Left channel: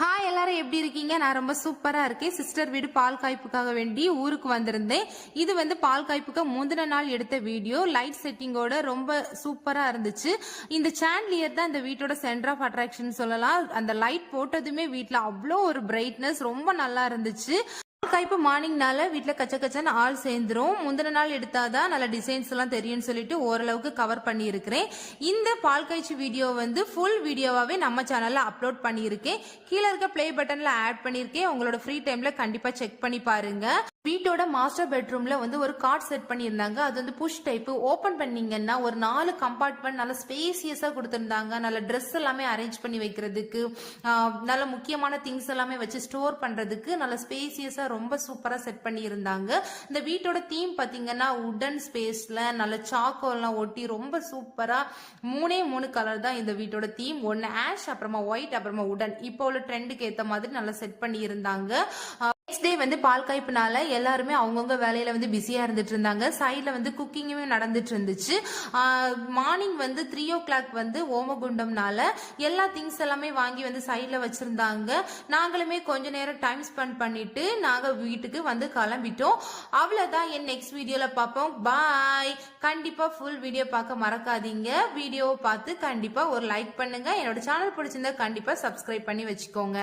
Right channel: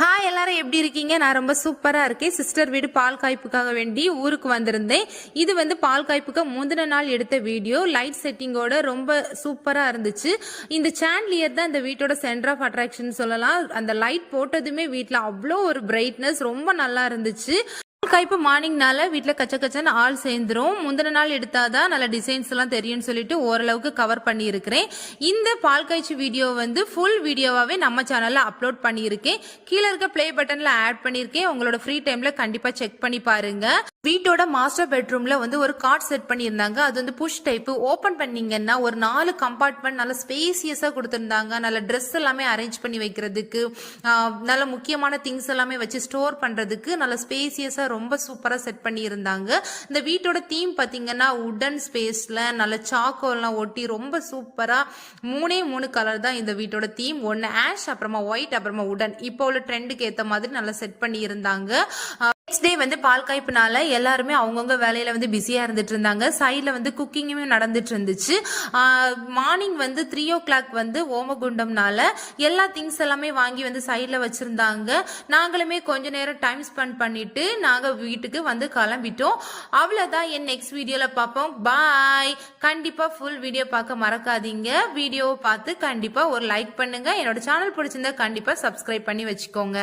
Hi எல்லாரும் எப்படி இருக்கீங்க? நான் ரொம்ப சூப்பரா இருக்கேன். சிஸ்டர் வீடு பால் காய்ப்புக்காக வேண்டி ஊருக்கு வந்திருந்தேன். இது பால் காய்ப்புக்கு முந்தின நாள் எடுத்த வீடியோ. லைட் செட்டிங்கோட ரொம்ப சூப்பரா இருந்துச்சு. இந்த சாண்ட்லியர் தான் இந்த வீட்டோட சென்டர் ஆஃப் அட்ராக்ஷன் சொல்லலாம். அந்த லைட் போட்டதுமே வீட்டில் அவ்வளோ ஒரு பிரைட்னஸ் ரொம்ப நல்லா இருந்துச்சு. காய்ப்பு மார்னிங்னால வீட்டில் கச்ச கச்சன்னு ஆள் சேர்ந்துரும். முந்தின நாள் எடுத்தாதான் நல்ல டிசைன்ஸ் எல்லாம் தெரியும்னு சொல்லிட்டு ஓரளவுக்கு கவர் பண்ணியிருக்கிறேன். இந்த பால் காய்ச்சி வீடியோ ஃபுல் வீடியோவாகவே நம்ம சேனலில் அப்லோட் பண்ணியிருக்கேன். கீழே இருக்க பிளே பட்டனில் ஆட் பண்ணியிருக்கேன். உங்களோட ஃப்ரீ டைமில் கண்டிப்பாக செக் பண்ணி பாருங்க. வீட்டோட மாஸ்டர் பெட்ரூம்ல ஒரு கார்ட் செட் பண்ணியிருந்தாங்க. அது புஷ் டைப். ஓப்பன் பண்ணீங்கன்னா ஒரு 4 கம்பார்ட்மெண்ட் நல்ல ஸ்பேசியஸா கொடுத்திருந்தாங்க. நல்ல ட்ரெஸ் எல்லாமே அரேஞ்ச் பண்ணி வைக்கிறதுக்கு, நல்ல முக்கியமான திங்ஸ் எல்லாமே வச்சு ஸ்டோர் பண்றதுக்கு நல்ல ஸ்பேசியஸா ரொம்ப சூப்பரா செட் பண்ணி இருந்தாங்க. இந்த வீட்டோட தீம் பாத்தீங்கன்னா உடன் ஸ்பேஸ்ல நல்ல சாக்கோல்லாம் ஒட்டி ரொம்ப சூப்பரா 3 கலர் தான் இந்த வீட்டோட தீம். ஒன்னு ஆஷ், அப்புறமா ஒயிட், அப்புறமா உடன். இப்போ உள்ள ட்ரெண்டுக்கு ஏத்த மாதிரி நல்லா செட் பண்ணி இருந்தாங்க. நெக்ஸ்ட் டே பால் காய்ப்புனால எல்லாருமே அவங்கவுங்க வேலையில பிஸியா இருந்துட்டு இருந்தாங்க. சைட்ல குக்கிங்குமே நடந்துட்டு இருந்துச்சு. மார்னிங் 3 o'clock ஓமகுண்டம்னால எல்லா திங்ஸ் எல்லாமே வாங்கி சைட்ல வச்சிருந்தாங்க. நாங்களுமே கொஞ்ச நேரம் டைம் ஸ்பெண்ட் பண்ணிட்டு நாங்க வீட்டுக்கு கிளம்பிட்டோம். அவ்வளவுதான். என் நெக்ஸ்ட் வீடியோல பார்ப்போம். பாய். கண்டிப்பா ஃபுல் வீடியோ பார்க்க மறக்காதீங்க. வீடியோவை பார்த்து கண்டிப்பா ஒரு லைக் பண்ணுங்க. என்னோட சேனல் பிடிச்சிருந்தா கண்டிப்பா சப்ஸ்கிரைப் பண்ணி வச்சுக்கோங்க.